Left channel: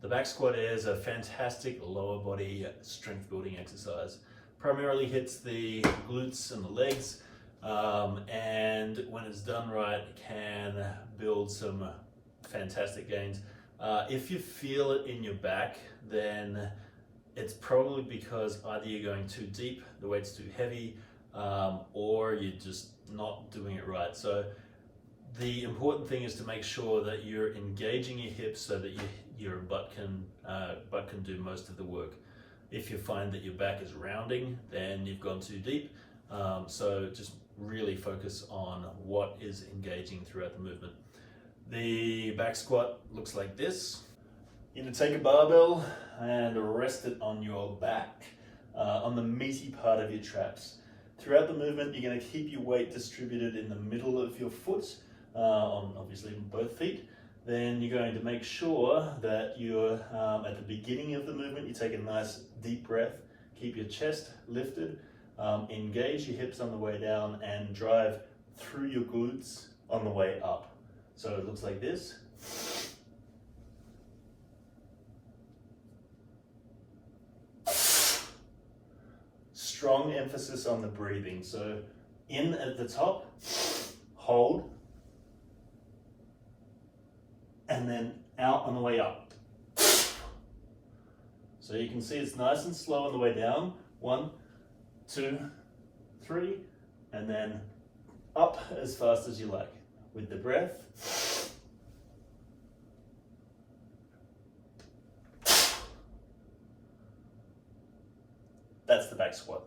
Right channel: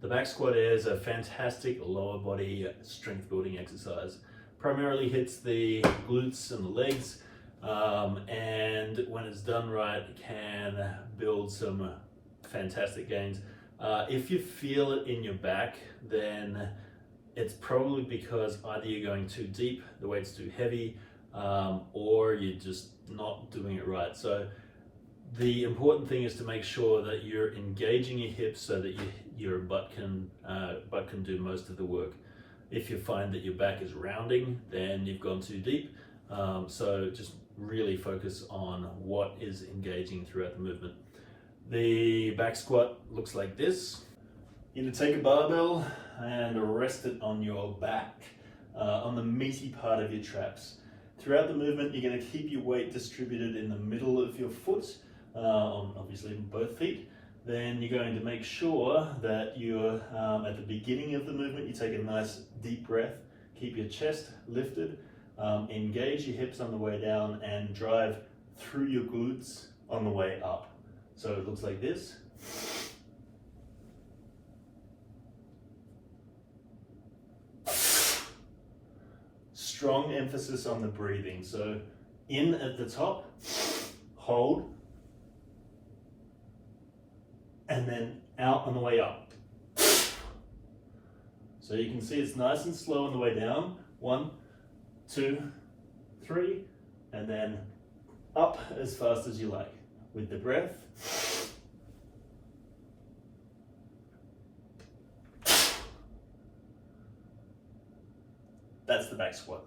The back squat is a fantastic lower body strength building exercise. Primarily hits the glutes and the legs, and when it's done right, it can build some fantastic gains. If you feel it in your back, then it's probably because either you're going too deep, the weight's too heavy, or you're just not doing it right. So the important thing is to make sure that you're engaging your hips so that your butt can do most of the work. If you find that your back is rounding, then you've gone too deep. So just really focus on what is engaging throughout the movement. The back squat looks like this. You're going to take a barbell and rest it on your back, on the meaty part of your traps. Throughout the movement, you're going to keep your weight distributed in the middle of your foot, obviously in both feet. Then you're going to make sure that you're at the beginning of the movement, you take a nice deep breath, keep your chest lifted, engage your hips on the way down, and drive through your glutes on the way up. So it looks like this. Strong emphasis on the breathing. So in at the top, hold, and then out on the way up. So you can see it's nice and slow on the way down. 1, 2, 3, and then up as fast as you like. With the breath. That's the back squat.